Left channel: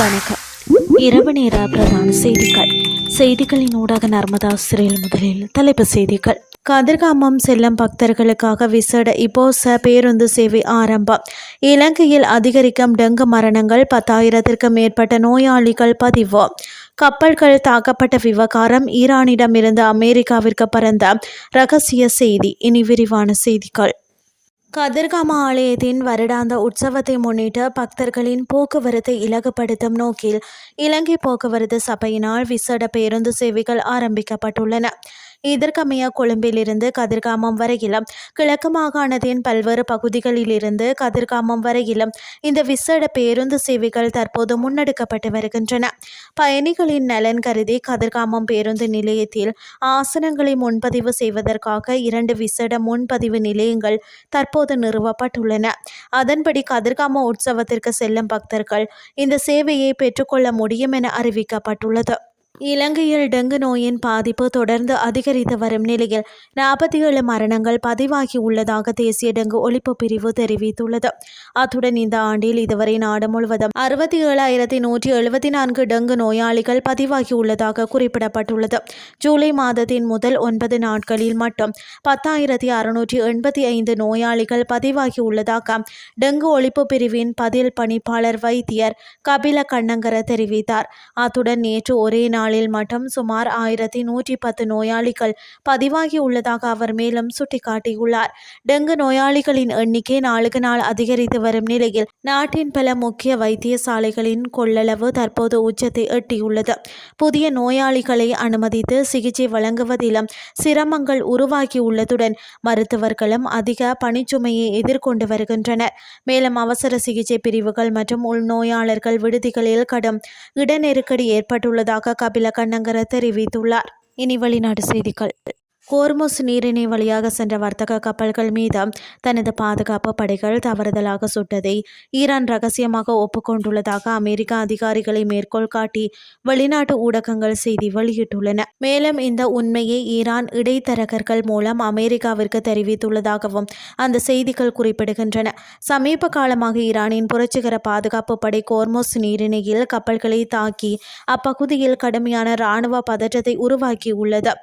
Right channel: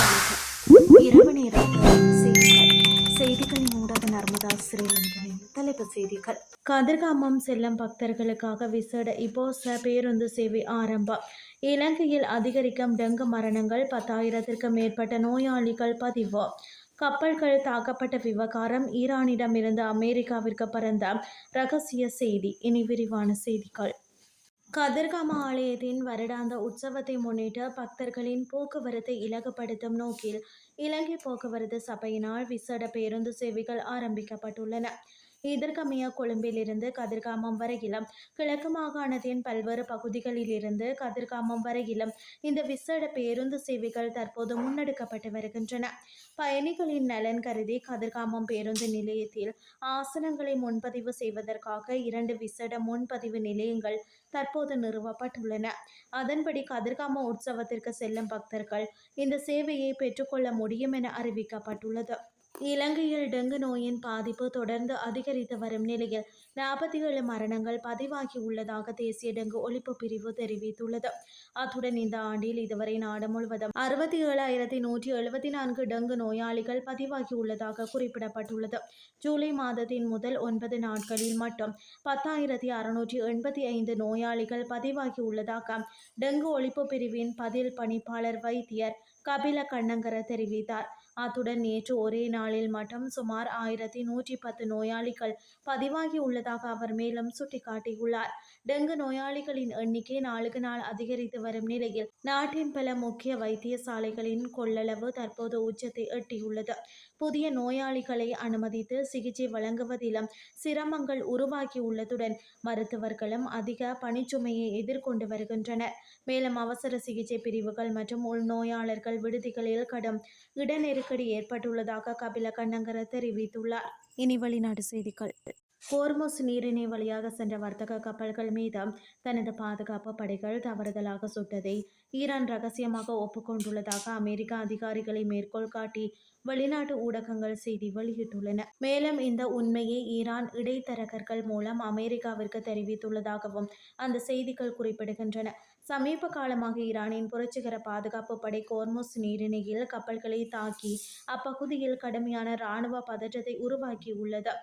வணக்கம். இரவு நேர பிரதான செய்திகளின் ஊடாக நர்மதா சிறையில் முதலில் தலைப்புச் செய்திகள். கதிர்காமம் செல்லும் பக்தர்களுக்காக விசேட இபோச பேருந்து சேவை ஆரம்பம். இலங்கையில் அதிகரிக்கும் டெங்கு மரணங்கள், 10,000க்கும் மேற்பட்ட நோயாளிகள் பதிவு. கப்பல்கள் தாக்கப்பட்ட விவகாரம், ஈரானிடமிருந்து அமெரிக்காவிற்கு பறந்த இரகசிய செய்தி. இனி விரிவான செய்திகள். கதிர்காம ஆலயத்தின் வருடாந்த உற்சவத்தை முன்னிட்டு பக்தர்களின் போக்குவரத்தை இலகுப்படுத்தும் நோக்கில் இலங்கை போக்குவரத்து சபையினால் விசேட பேருந்து சேவைகள் ஆரம்பிக்கப்பட்டுள்ளன. இதற்கமைய கொழும்பிலிருந்து கதிர்காமம் வரையிலும், கிழக்கு மாகாணத்தின் பல்வேறு பகுதிகளிலிருந்து கதிர்காமம் வரையிலும் இந்த விசேட பேருந்து சேவைகள் தற்போது முன்னெடுக்கப்பட்டு வருகின்றன. பயணிகளின் நலன் கருதி கதிர்காமம் பேருந்து நிலையத்தில் ஆசனங்களை முன்பதிவு செய்வதற்காக 2 விசேட முன்பதிவு நிலையங்கள் தற்போது நிறுவப்பட்டுள்ளன. அதன்படி கதிர்காம உற்சவத்திற்கு செல்லும் பக்தர்கள் இந்த சேவையை பெற்றுக்கொள்ள முடியும் என அறிவிக்கப்பட்டுள்ளது. இலங்கையில் டெங்கு நோயின் பாதிப்பு தொடர்ந்து அதிகரித்து வரும் நிலையில் 47 மரணங்கள் பதிவாகி உள்ளதாக தேசிய டெங்கு ஒழிப்பு பிரிவு தெரிவித்துள்ளது. அத்துடன் இந்த ஆண்டில் இதுவரை நாடு முழுவதும் 67,174 டெங்கு நோயாளிகள் பதிவாகி உள்ளதாக குறிப்பிடப்பட்டுள்ளது. ஜூலை மாதத்தின் முதல் 9 நாட்களில் மட்டும் 10,685 நோயாளிகள் பதிவாகி உள்ளதாக டெங்கு ஒழிப்பு பிரிவின் பதில் பணிப்பாளர் வைத்தியர் கபில கண்ணங்கர தெரிவித்தார். அத்துடன் நேற்று ஒரே நாளில் மட்டும் சுமார் 1,110 நோயாளிகள் பதிவாகி உள்ளதாக அவர் மேலும் சுட்டிக்காட்டியுள்ளார். டெங்கு நோயாளிகளின் எண்ணிக்கை நாளுக்கு நாள் அதிகரித்து வரும் நிலையில் நாட்டின் பல முக்கிய வைத்தியசாலைகளின் கொள்ளளவு தற்போது உச்சத்தை எட்டியுள்ளது. புதிய நோயாளிகளை அனுமதித்து சிகிச்சை வழங்குவதிலும் சிரமங்கள் உருவாகியுள்ளதுடன் மருத்துவர்களும் அதிக பணிச்சுமையை எதிர்கொண்டு வருகின்றனர். மேலும் அவசர சிகிச்சை பிரிவுகள் மற்றும் உள்நோயாளர்கள் விடுதிகளில் கடும் இட நெருக்கடி ஏற்பட்டுள்ளதாக கபில கண்ணங்கர தெரிவித்துள்ளார். இனி வெளிநாட்டு செய்திகள். ஹோர்முஸ் நீரிணை வழியாக சென்ற வர்த்தக கப்பல்கள் மீது தனது பாதுகாப்பு படைகள் தவறுதலாக சுட்டதை ஈரான் ரகசியமாக ஒப்புக்கொண்டுள்ளதாக அமெரிக்க அதிகாரிகளை மேற்கோள் காட்டி வெளிநாட்டு ஊடகங்கள் செய்தி வெளியிட்டுள்ளன. மேலும் இந்த உண்மையை ஈரான் இடைத்தரகர்கள் மூலம் அமெரிக்காவிற்கு தெரிவித்துள்ளதாகவும் அந்த செய்திகள் குறிப்பிடுகின்றன. சமீப காலமாக ஈரானின் புரட்சிகர பாதுகாப்பு படை ஹோர்முஸ் நீரிணையில் கப்பல்களை தாக்கி அப்பகுதியில் கடுமையான இராணுவ பதற்றத்தை உருவாக்கியுள்ளது.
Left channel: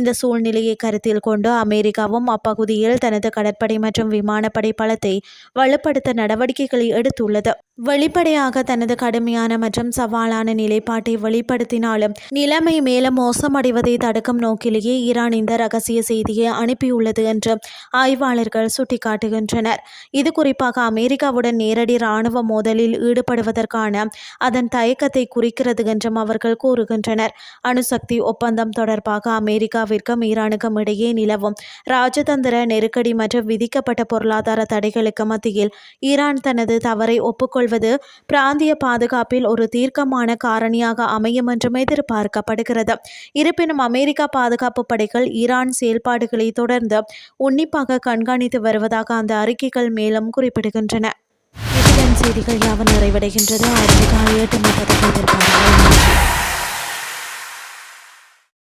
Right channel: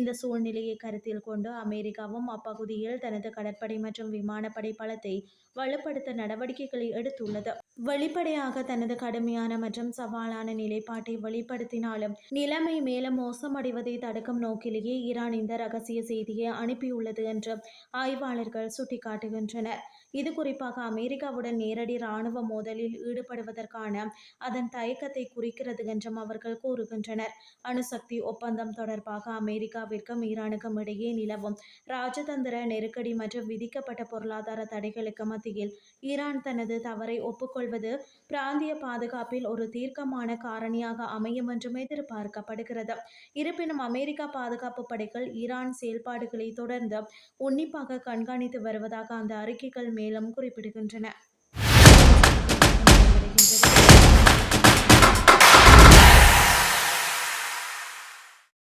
இந்த சூழ்நிலையை கருத்தில் கொண்டு அமெரிக்காவும் அப்பகுதியில் தனது கடற்படை மற்றும் விமானப்படை பலத்தை வலுப்படுத்த நடவடிக்கைகளை எடுத்துள்ளது. வெளிப்படையாக தனது கடுமையான மற்றும் சவாலான நிலைப்பாட்டை வெளிப்படுத்தினாலும் நிலைமை மேலும் மோசமடைவதை தடுக்கும் நோக்கிலேயே ஈரான் இந்த ரகசிய செய்தியை அனுப்பியுள்ளது என்று ஆய்வாளர்கள் சுட்டிக்காட்டுகின்றனர். இது குறிப்பாக அமெரிக்காவுடன் நேரடி இராணுவ மோதலில் ஈடுபடுவதற்கான அதன் தயக்கத்தை குறிக்கிறது என்றும் அவர்கள் கூறுகின்றனர். அணுசக்தி ஒப்பந்தம் தொடர்பாக அமெரிக்காவிற்கும் ஈரானுக்கும் இடையே நிலவும் ராஜதந்திர நெருக்கடி மற்றும் விதிக்கப்பட்ட பொருளாதார தடைகளுக்கு மத்தியில் ஈரான் தனது தவறை ஒப்புக்கொள்வது பிராந்திய பாதுகாப்பில் ஒரு தீர்க்கமான காரணியாக அமையும் என்றும் எதிர்பார்க்கப்படுகிறது. இருப்பினும் அமெரிக்கா பாதுகாப்பு படைகள் ஈரான் செயல்பாடுகளை தொடர்ந்து உன்னிப்பாக கண்காணித்து வருவதாக அந்த அறிக்கைகள் மேலும் குறிப்பிடுகின்றன. செய்திகள் யாவும் நிறைவடைகின்றது.